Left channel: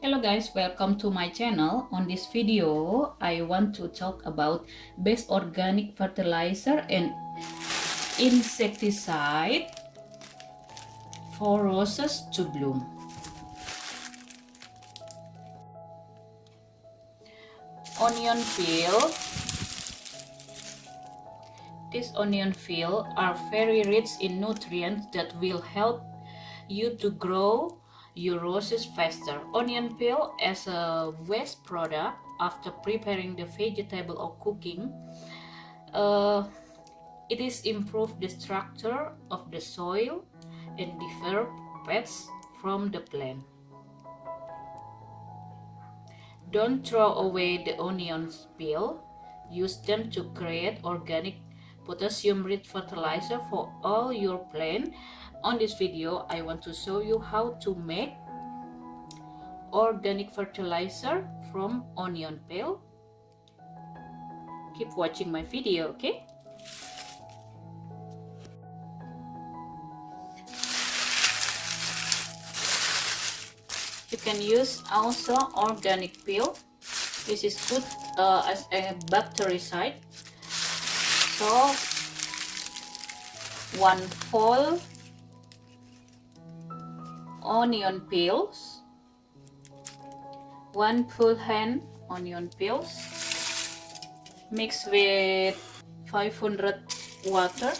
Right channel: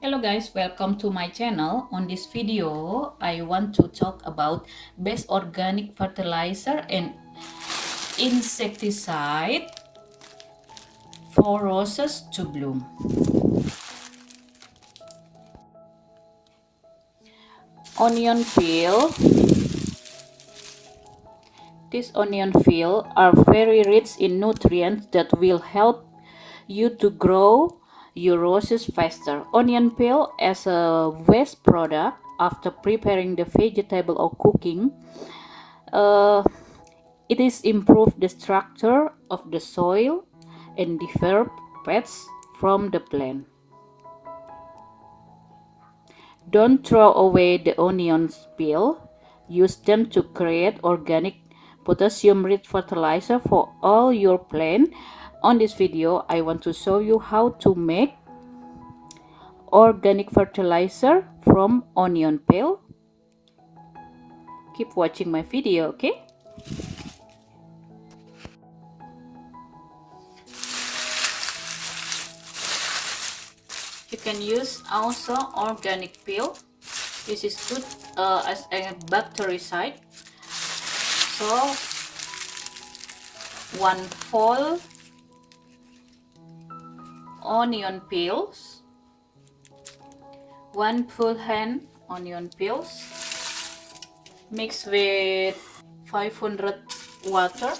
Hello guys, welcome to my channel. On this video, I want to talk about best organic fertilizer and insecticide for roses to bloom. Onion peel. These onion peel are very rich in nutrients that will help you to grow your roses faster. Onion peel as a waste product after preparing the vegetable or cooking. Uh, it is improve the structure of the soil and develop pests from the plant. Don't throw away the onions peel. Use them to create organic potassium-rich fertilizer for all your plant. On this video, I want to show you how to make organic fertilizer from onion peel. Keep watching my video, okay? You can use also organic peel. This is good as a bactericide. So, one full onion peels, one full hand onion peels, mixed with 500 water.